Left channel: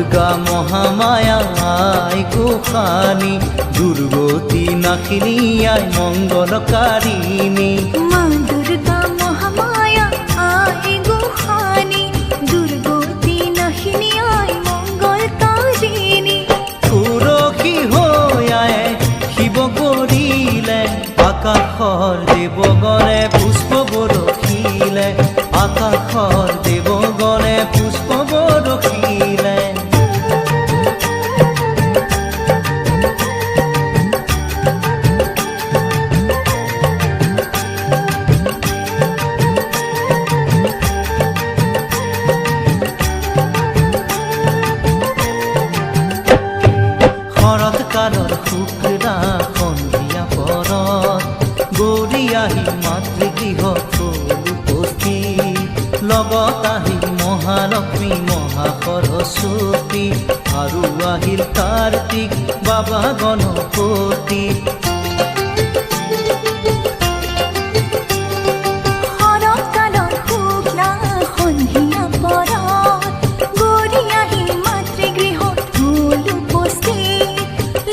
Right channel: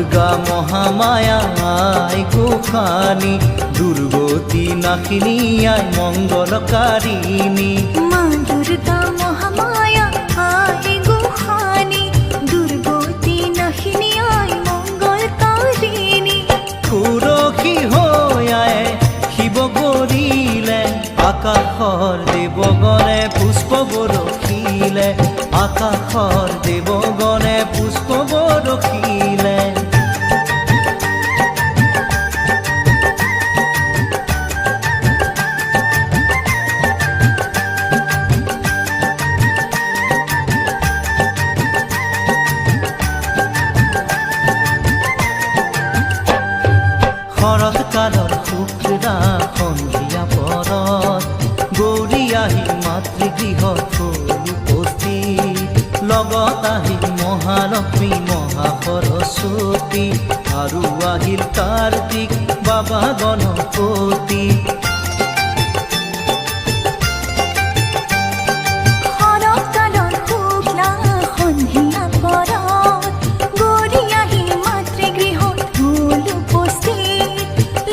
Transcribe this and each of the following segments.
দুর্গা মহামায়া আয় গোসানী, দুর্গতি নাশিনী আয় মঙ্গলকারিণী। মা দুর্গা মহামায়া আয় গোসানী, দুর্গতি নাশিনী আয় মঙ্গলকারিণী। তুলসী হৈ আয়ে শিৱ গৰিলে, আকাশৰ দেৱগণে পুষ্প বৰষিলে, আকাশৰ দেৱগণে পুষ্প বৰষিলে। শৰৎকালৰ শুক্লা সন্ধিয়া পৰত, গৌৰী আহি মাতৃগৃহত হ'ল উপস্থিত। লগত আহিল মহালক্ষ্মী মহাসৰস্বতী, আৰু আহিল কাৰ্তিক বাবা গণপতি। শৰৎকালৰ শুক্লা সন্ধিয়া পৰত, গৌৰী আহি মাতৃগৃহত হ'ল উপস্থিত।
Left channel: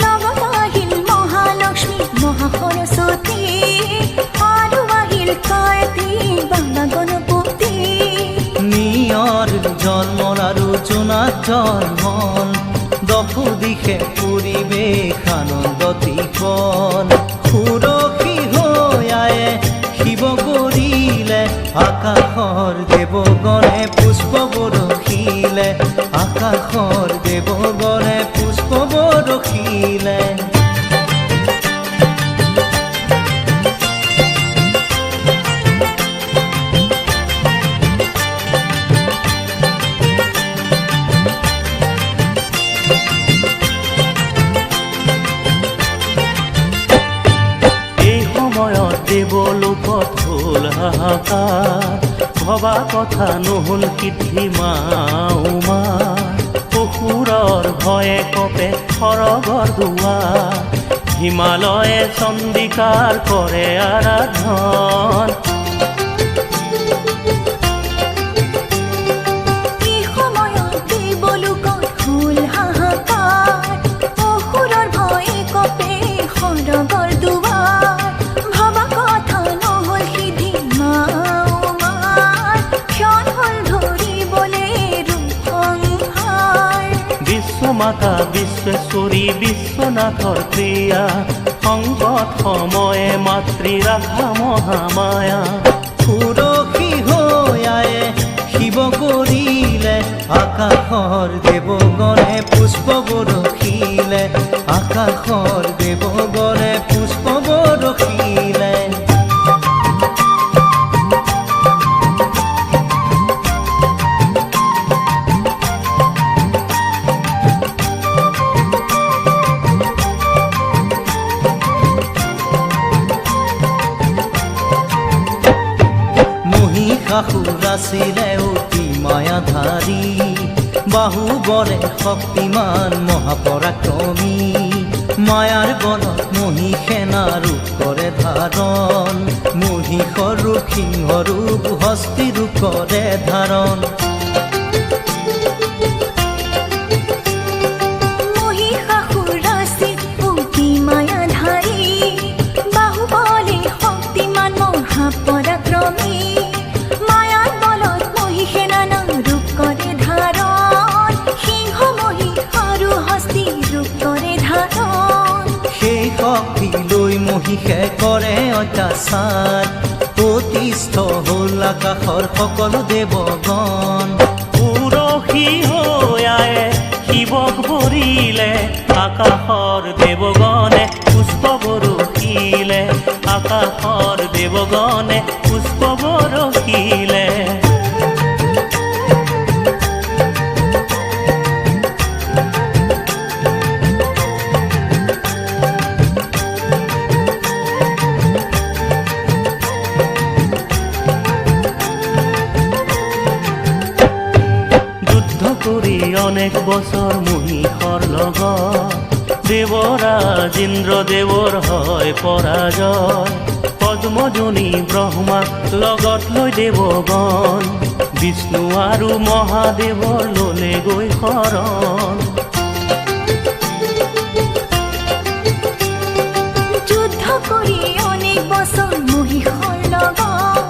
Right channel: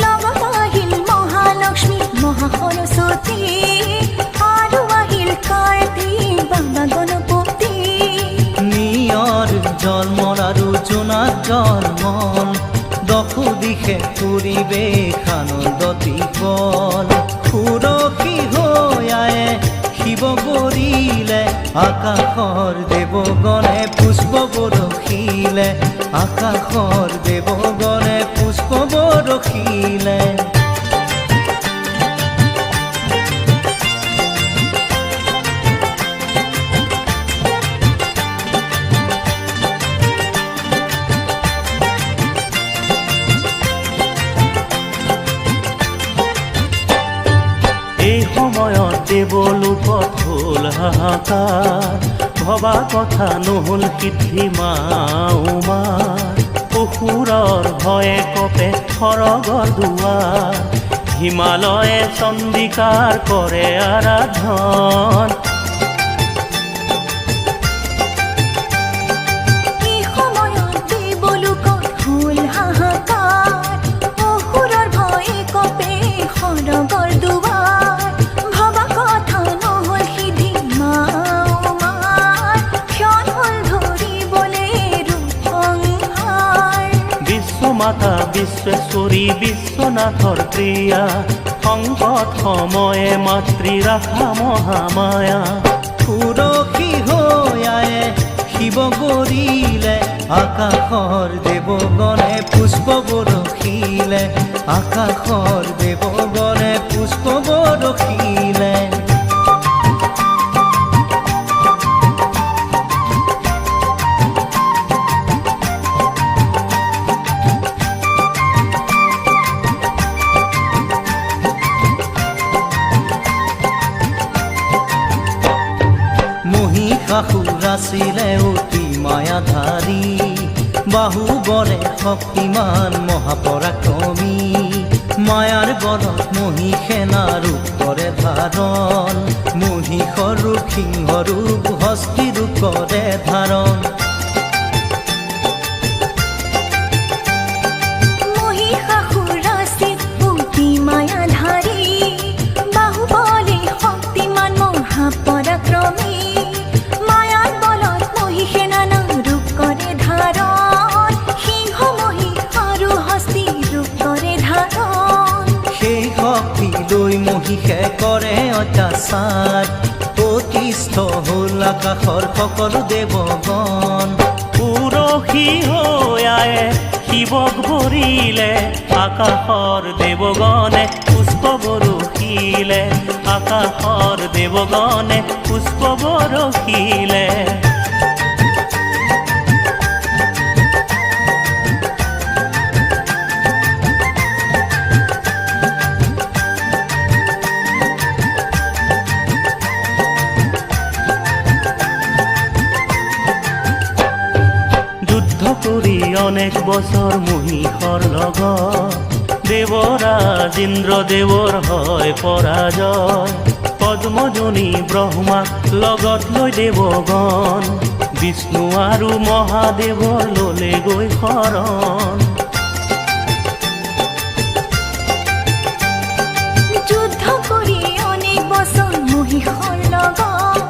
লগত আহিল মহালক্ষ্মী মহাসৰস্বতী, আৰু আহিল কাৰ্তিক বাবা গণপতি। নিয়ৰ জন্মল আৰু জোনাক জন্মল, দশো দিশে পৰিৱেশ আনন্দতি গল। সুৰসী হৈ আয়ে শিৱ গৰিলে, আকাশৰ দেৱগণে পুষ্প বৰষিলে, আকাশৰ দেৱগণে পুষ্প বৰষিলে। এই সময়ত দেৱলোকত হ'ল হাহাকাৰ, ভবা কথা নহ'ল সিদ্ধি মা উমাৰ। অসুৰৰ ভয়ে কপে সৰগৰ দুৱাৰ, হিমালয়ে চণ্ডিকাৰ কৰে আৰাধন। এই সময়ত দেৱলোকত হ'ল হাহাকাৰ, অসুৰৰ ভয়ে কপে সৰগৰ দুৱাৰ। ভবা কথা নহ'ল সিদ্ধি মা উমাৰ, ক্ষণ হ'ল ধৰিবলে ৰূপ সংহাৰ। বিশ্বমাতা বিশ্বেশ্বৰী বিশ্বনাথৰ প্ৰিয়া, সংকট সময়ে মাতৃ ৰাখা মহামায়া। সুৰসী হৈ আয়ে শিৱ গৰিলে, আকাশৰ দেৱগণে পুষ্প বৰষিলে, আকাশৰ দেৱগণে পুষ্প বৰষিলে। মহিষাসুৰ আছিলে অতি মায়াধাৰী, বাহুবলে শক্তিমান মহাপৰাক্ৰমী। মায়াৰ বলত মহিষেনা ৰূপ কৰে ধাৰণ, মহিষৰ ৰূপ সিংহ ৰূপ হস্তি ৰূপ কৰে ধাৰণ। মহিষাসুৰ আছিল অতি মায়াধাৰী, বাহুবলে শক্তিমান মহাপৰাক্ৰমী। মায়াৰ বলত মহিষে নানা ৰূপ কৰে ধাৰণ, সিংহ মহিষ আৰু হস্তি ৰূপ কৰে ধাৰণ। সেই শক্তি লৈ মহিষে কৰে অত্যাচাৰ, অতিষ্ঠ হ'ল আকাশৰ সকলো দেৱগণ। সুৰসী হৈ আয়ে শিৱক বৰিলে, আকাশৰ দেৱগণে পুষ্প বৰষিলে, আকাশৰ দেৱগণে পুষ্প বৰষিলে। যুদ্ধ কৰি অনেক বছৰ মহিষৰ লগত, দেৱৰাজ ইন্দ্ৰদেৱৰ হয় পৰাজয়। পদ্মজনী ব্ৰহ্মাক লগত লৈ দেৱগণ, বিষ্ণু আৰু মহাদেৱৰ ললে গৈ শৰণ। যুদ্ধ কৰি অনেক বছৰ মহিষৰ লগত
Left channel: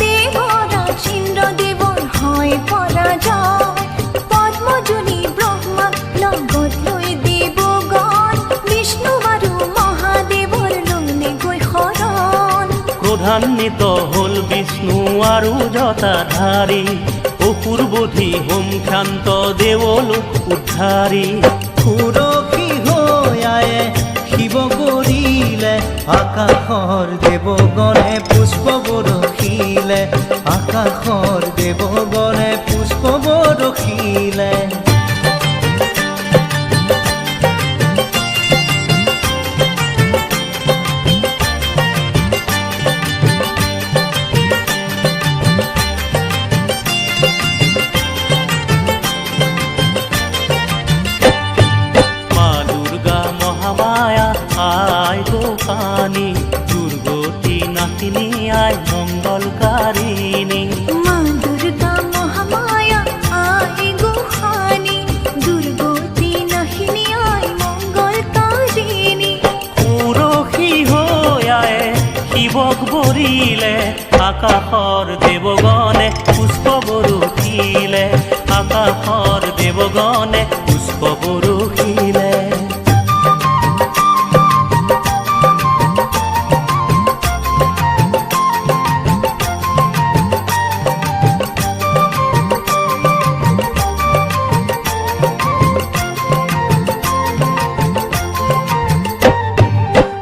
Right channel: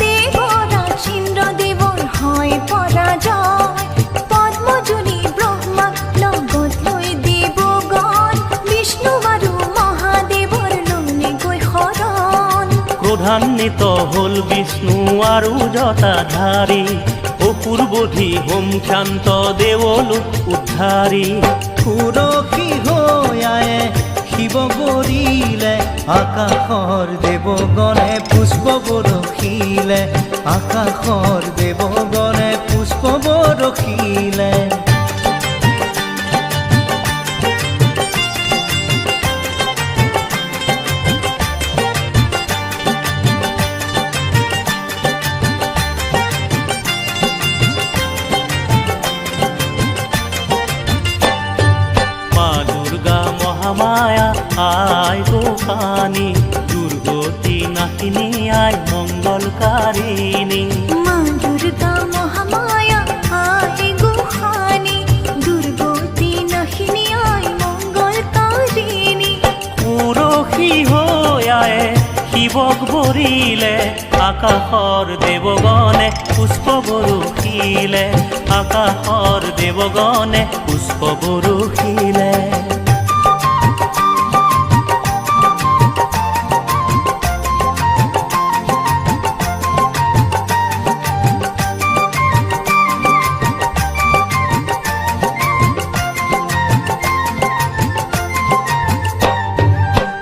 দেৱৰাজ ইন্দ্ৰদেৱৰ হয় পৰাজয়। পদ্মজনী ব্ৰহ্মাক লগত লৈ দেৱগণ বিষ্ণু আৰু মহাদেৱৰ ললে গৈ শৰণ। ক্ৰোধান্বিত হল বিষ্ণু আৰু জটাধাৰী, অসুৰ বধি হোমখ্যান্ত দেৱলোক উদ্ধাৰী। সুৰক্ষী হৈ আয়ে শিৱ কৰিলে, আকাশৰ দেৱগণে পুষ্প বৰষিলে, আকাশৰ দেৱগণে পুষ্প বৰষিলে। মহামায়া আই গোসানী, দুৰ্গতি নাশিনী আই মঙ্গলকাৰিণী। মা দুৰ্গা মহামায়া আই গোসানী, দুৰ্গতি নাশিনী আই মঙ্গলকাৰিণী। সুৰক্ষী হৈ আয়ে শিৱক বৰিলে, আকাশৰ দেৱগণে পুষ্প বৰষিলে, আকাশৰ দেৱগণে পুষ্প বৰষিলে।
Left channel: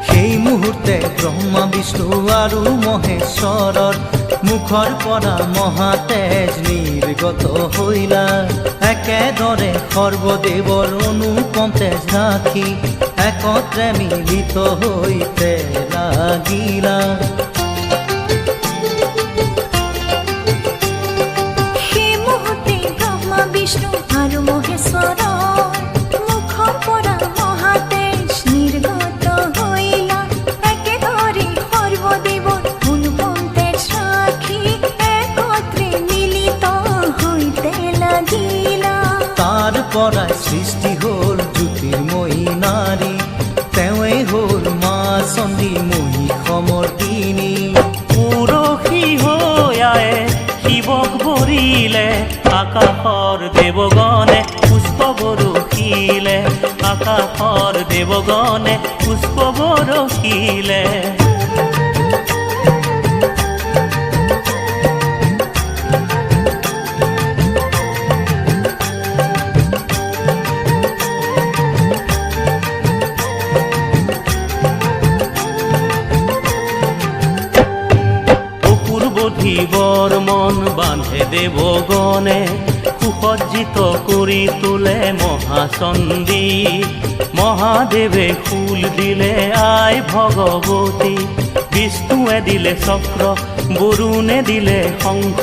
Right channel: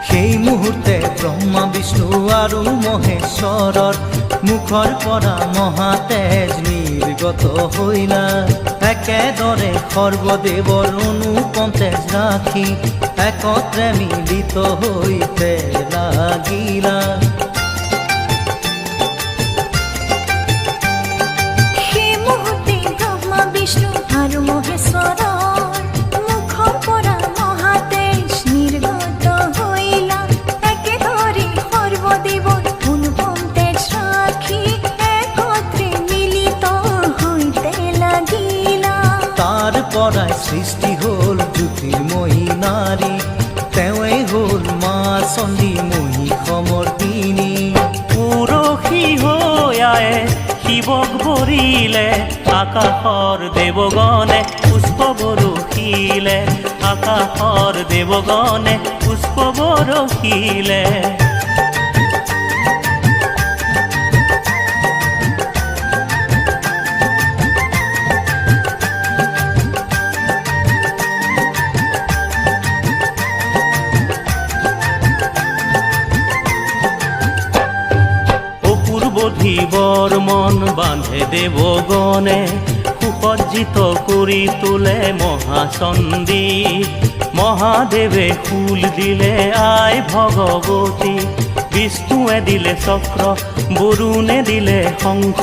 সেই মুহূৰ্তে ব্ৰহ্মা বিষ্ণু আৰু মহেশ্বৰৰ মুখৰ পৰা মহাতেজ নিৰ্গত হৈলা। একেদৰে সৰ্বদেৱৰ অনুপম তেজ ৰাখি একত্ৰে মিলিত হৈতে লাগিলা। সেই মুহূৰ্তে ব্ৰহ্মা বিষ্ণু আৰু মহেশ্বৰৰ মুখৰ পৰা মহাতেজ নিৰ্গত হৈলা। একেদৰে সৰ্বদেৱৰ অনুপম তেজ ৰাখি একত্ৰে মিলিত হৈতে লাগিলা। তাৰ পৰাই সৃষ্টি হ'ল জ্যোতিৰ্ময়ী নাৰী, তেওঁৱেই হ'ল মা চণ্ডী মহিষমৰ্দিনী। সুৰক্ষী হৈ আয়ে শিৱক বৰিলে, আকাশৰ দেৱগণে পুষ্প বৰষিলে, আকাশৰ দেৱগণে পুষ্প বৰষিলে। বধিবৰ মন বান্ধে দেৱগণে, সুসজ্জিত কৰি তোলে মহাচণ্ডী। মহাদেৱে শূল দিলে আই ভগৱতী, বিষ্ণুৱে দিলে চক্ৰ, বৰুণে দিলে শংখ।